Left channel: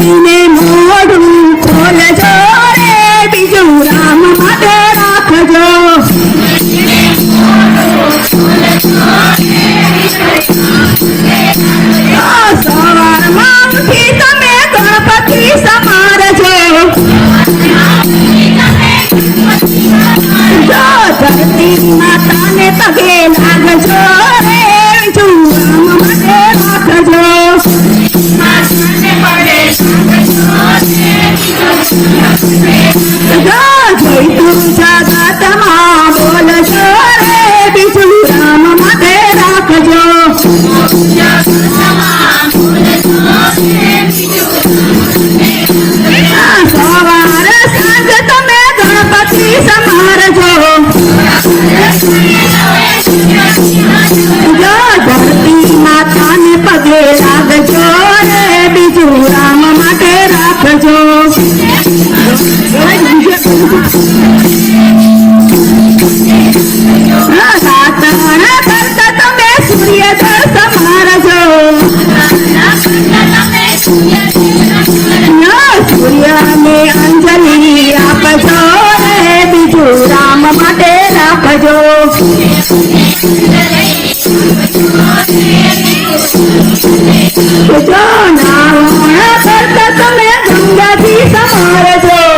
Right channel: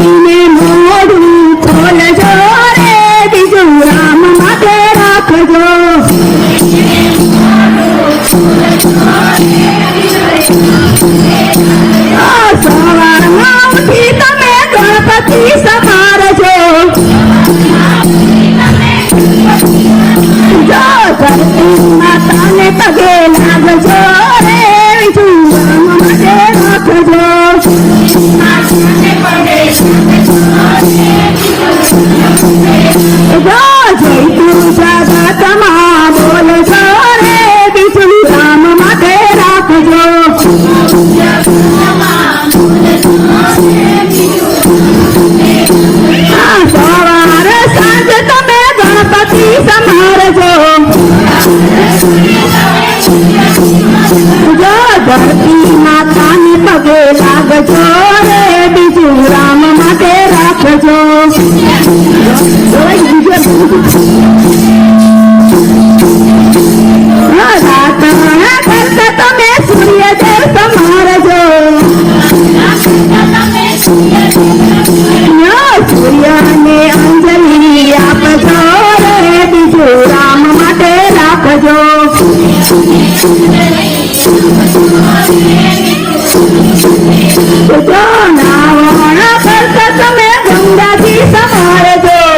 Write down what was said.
Amen. Ganga ji Samaj